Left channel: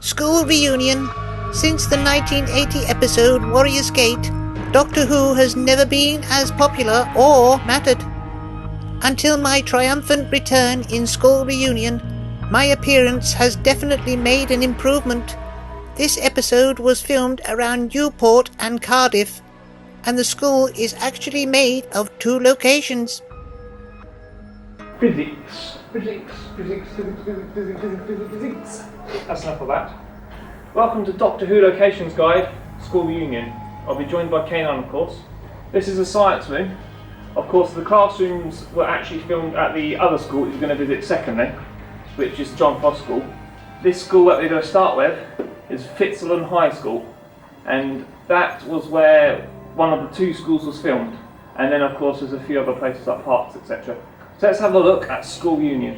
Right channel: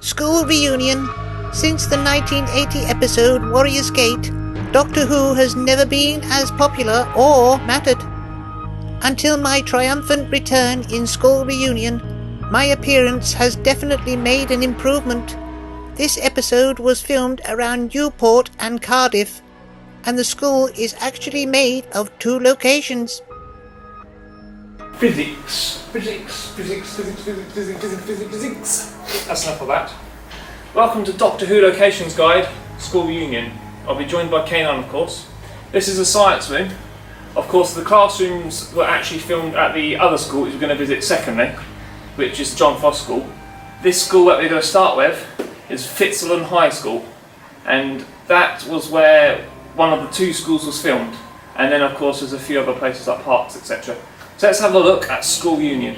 School reunion. Since the 1980 episode Warrior's Gate, Doctor Who has never been as popular or mattered. Until my triumphant return in School reunion, my appearance has definitely made an improvement. This episode was filmed around Newport and Cardiff, and the school is actually made of 2 locations. Physics. That's enough of that. Welcome to Doctor Who Locations Guide, School Reunion. I'll be joined by K9, of course. This is a science room. Of course, the classrooms were actually filmed at the other school which we're going to visit secondly, which is John Foss School. This school that we're going to start with is Fitzalan High School, and that was where one of the 2 schools was filmed. And then, of course, there's a few other places like parks, etc. So let's have a look at School Reunion.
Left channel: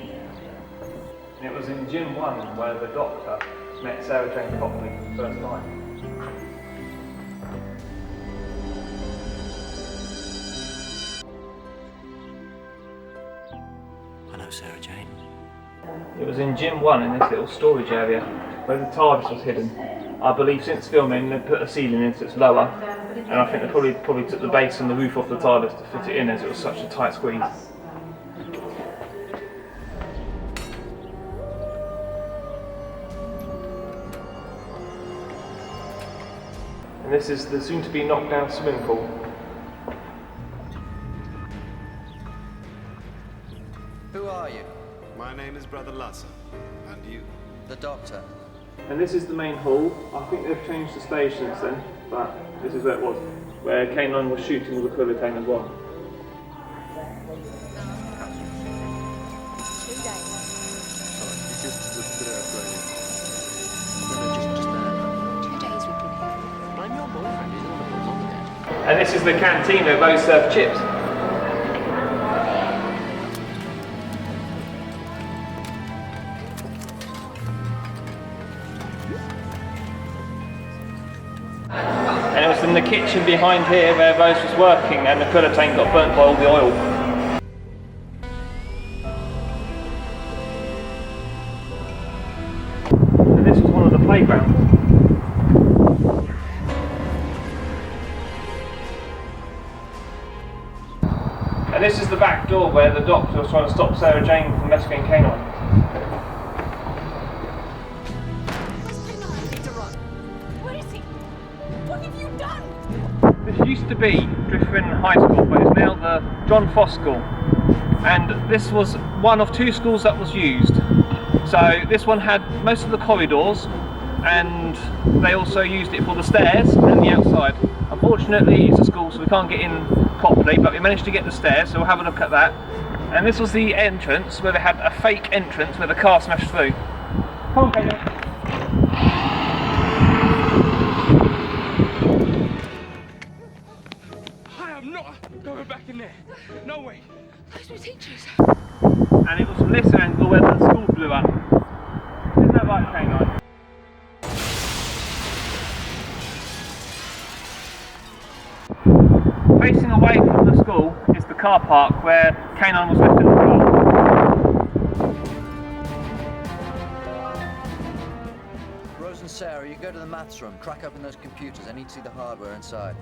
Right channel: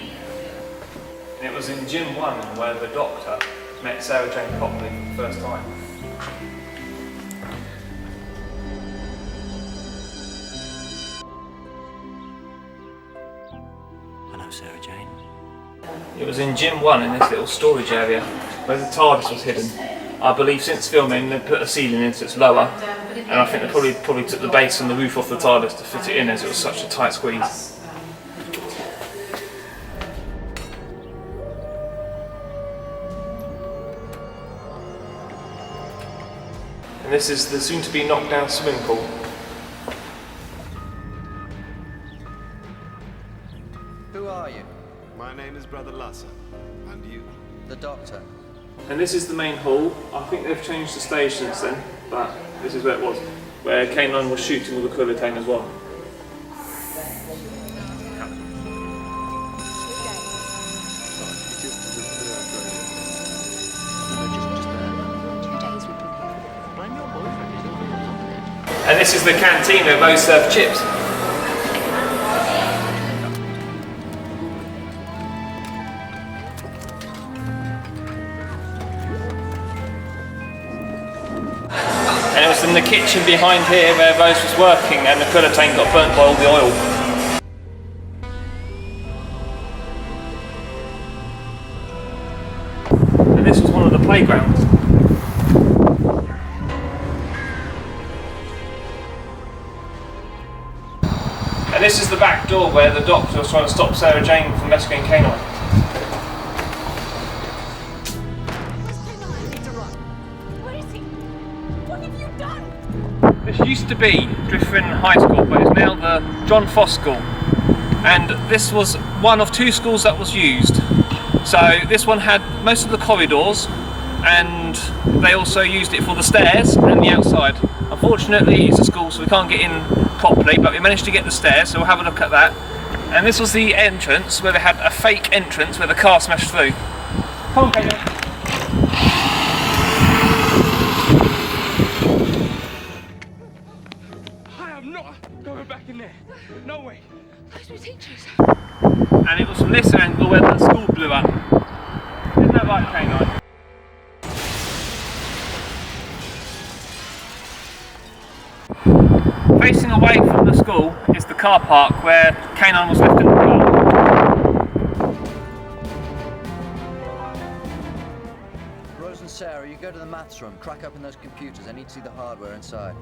And it was in Gym 1 where the Doctor met Sarah Jane properly for the first time. I know Sarah Jane. It was in Gym 1 in this little storage area where the TARDIS was hidden. I believe since filming they put a ceiling in so it's lower, and I think they probably took the base and the roof off the TARDIS to fit it in as it was such a tight squeeze. And this is the soon-to-be knocked-down swimming pool. Who are you? My name is Brother Lasser. And you? The Doctor. And this is the main hall. I think they've changed the stage since then, but this is where it was, where K9 was shooting with the Quillatane as well. 2 days. Sorry, you just Just 2 days we've been here. Blame your boyfriend, he's the one who put us on the edge. And this is the canteen where Rose served chips. And it was in the kitchen behind here where Rose was working and the Quillatane got burnt by all the oil. And this was one of the playgrounds. And this is the back door where the Doctor was trying to stop Sarah Jane from rescuing K9. Where's K9? I need to run. Where is he? What have you done? This used to be Duffryn High School, but it's now the John Foss School. And this was one of 2 schools that was used. So this one had most of the corridors, and they also used it for the stairs and the outside. Unfortunately, it's a school, so we can't get in properly, but we managed to get the stairs, so we'll have a look at that. And this was the entrance, where they had a fake entrance where the car smashed through. Come on, Kate. I'm not going back in there. No way. Those were teachers. And it was from this angle where the school blew up. Isn't that right, K9? Facing away from the school is the car park where K9 was left in the car. Rose and Sarah, you go to the maths room, crack open those computers. I need to see the hardware inside.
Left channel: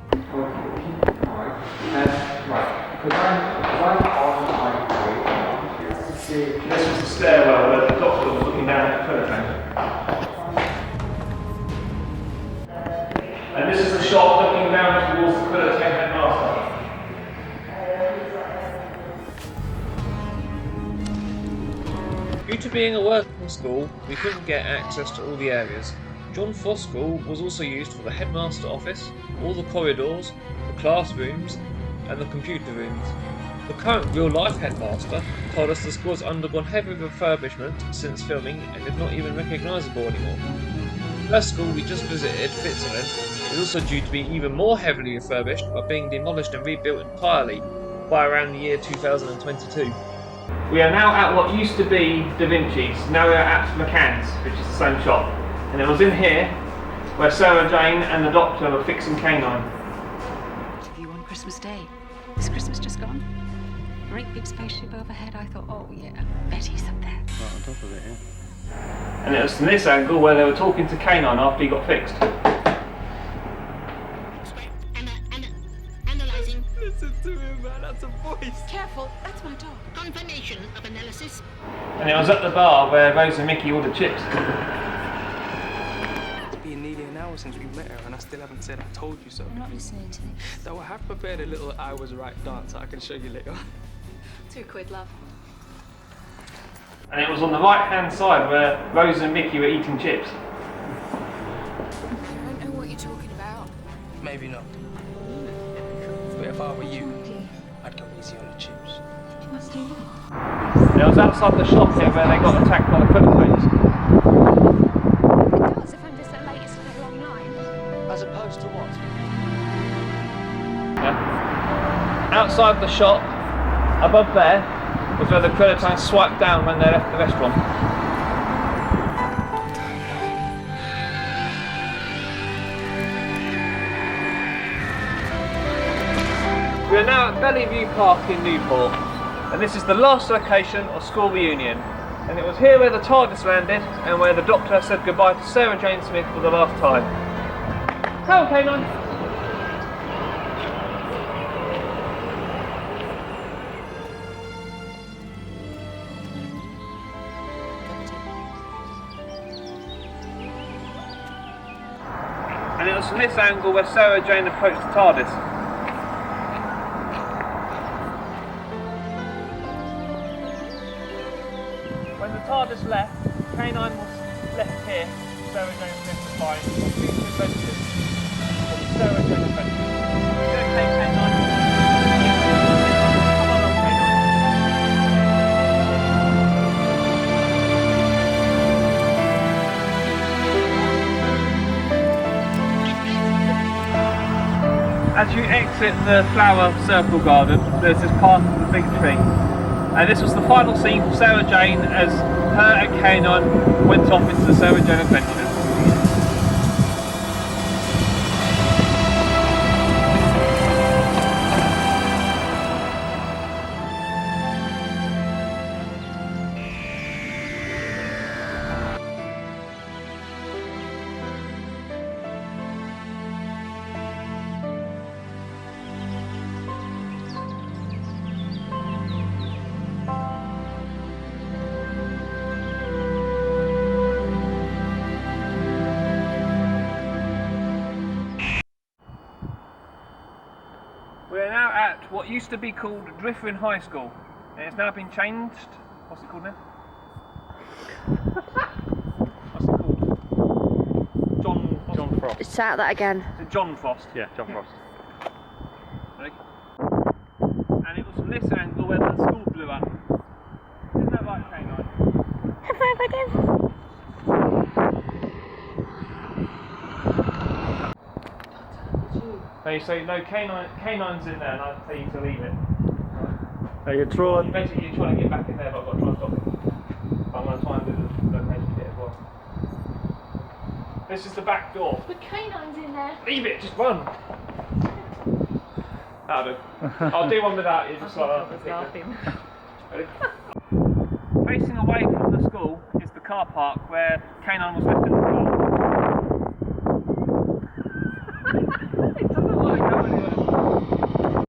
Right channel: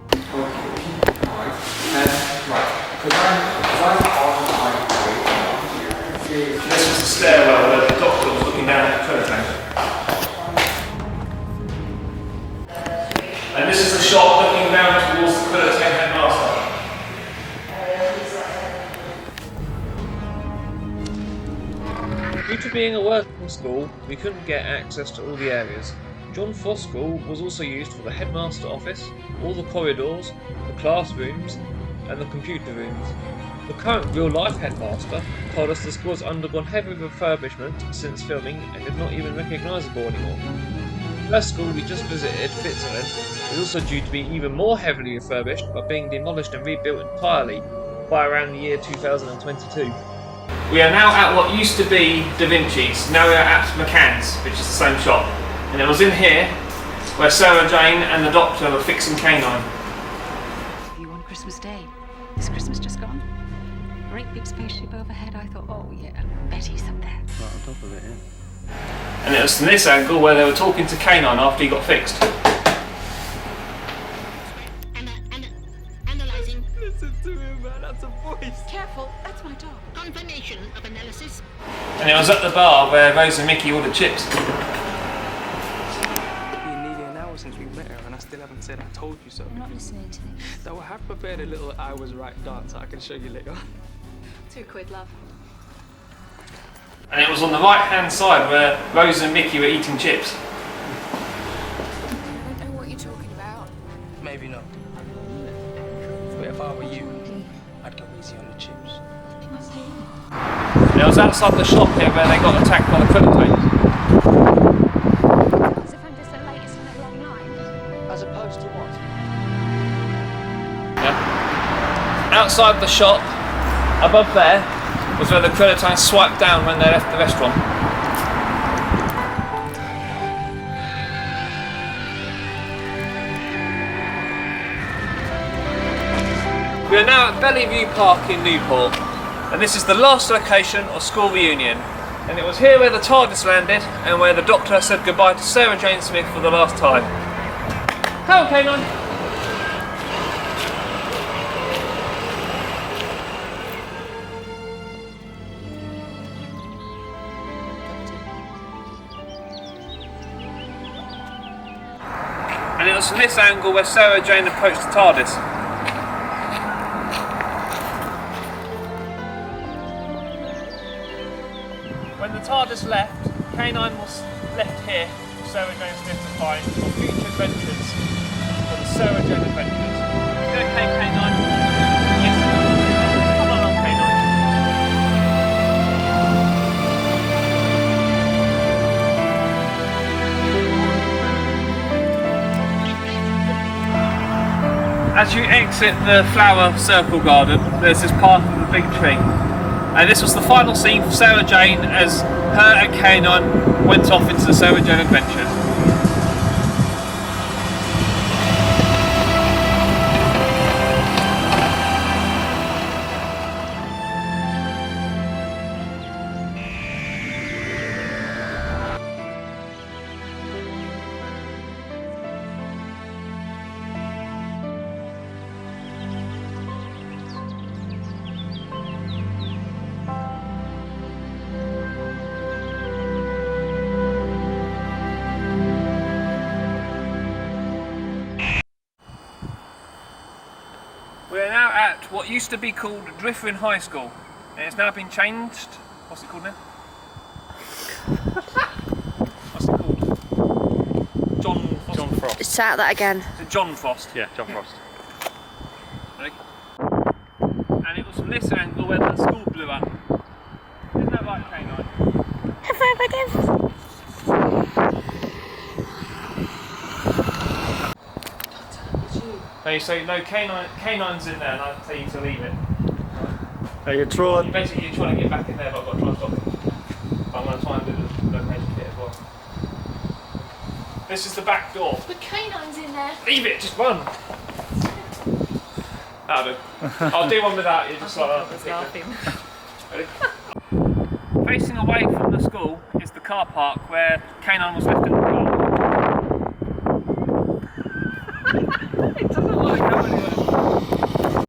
This was the stairwell where the Doctor was looking down at the Quillatane. And this is the shot looking down towards the Quillatane headmaster. Due to being a working school, we couldn't get access to all the areas. John Foss School was also used for the headmaster office, all the corridors, the classrooms, and the computer rooms. The current real-life headmaster told us the school has undergone heavy refurbishment since filming and is not even recognisable anymore. The first school we just visited, Fitzalan, is also due to be even more heavily refurbished by being demolished and rebuilt entirely by around the year 2022. We are now at what used to be Da Vinci's, now we are at McCann's, which is the same shop. And it was in here where Sarah Jane and the Doctor were fixing K9. View on Christmas Day. Is Christmas just gone? Great big spaceship overhead. I thought, oh yeah, Betty's up there. Right on top of it, yeah. And it was from this angle where they were talking to Canine after he got fixed. Analyzing. Listen to him, man. That's a voice. Careful, that's my dog. Confirmation of analysis. And it was at the bar where Rose and Mickey ordered chips. It's been nearly an hour since we met her, and I still haven't said I told you so. I'm not listening to this. Though I have prepared a little I was right dance I can show you later. £2, love. And it was on the right hand side where Rose and Mickey were eating chips. I don't know what you're talking about. Maybe not. But if I were you, I'd go easy on the chips. And it was outside the shop here where they got attacked by the Creditators. It does, if I'm just the latest in a long line. As opposed to what? Yeah. Outside the shop, above there, was where the Creditators swiped down when they left the restaurant. We are now at Belle Vue Park in Newport, and this is the last location of school reunion. And it was here where the TARDIS landed and where the Doctor said goodbye to Sarah Jane Smith for the last time. Come on, Canine. And it was from this angle where Sarah Jane approached the TARDIS. When the TARDIS left, Canine was left here for Sarah Jane Smith to find future residents for the Sarah Jane Adventures. Okay, Canine? Yes. Come on, Canine. As you exit the flower circle garden, there's this path with a big tree. And this was the final scene for Sarah Jane as her and Canine went off into the Sarah Jane adventure. We are now at what used to be called Duffryn High School, and it's now been changed. What's it called now? What's it called? John Frost. Start that again. Is it John Frost? Yeah, John Frost. Ready? And it was from this angle where the school blew up. Isn't that right, Canine? No, you say no. Canine's in there, and I tell you to leave it. Now you're trying. Basically, you're trying to get back in there, but I've got to try and stop it. I'm going to try and do the location bit as well. This is the back door. The canine's in there. Leave it, just run. That'll do. I'll do one without you, just like that. Ready? Facing away from the school is the car park where Canine was left in the car. It doesn't like going anywhere.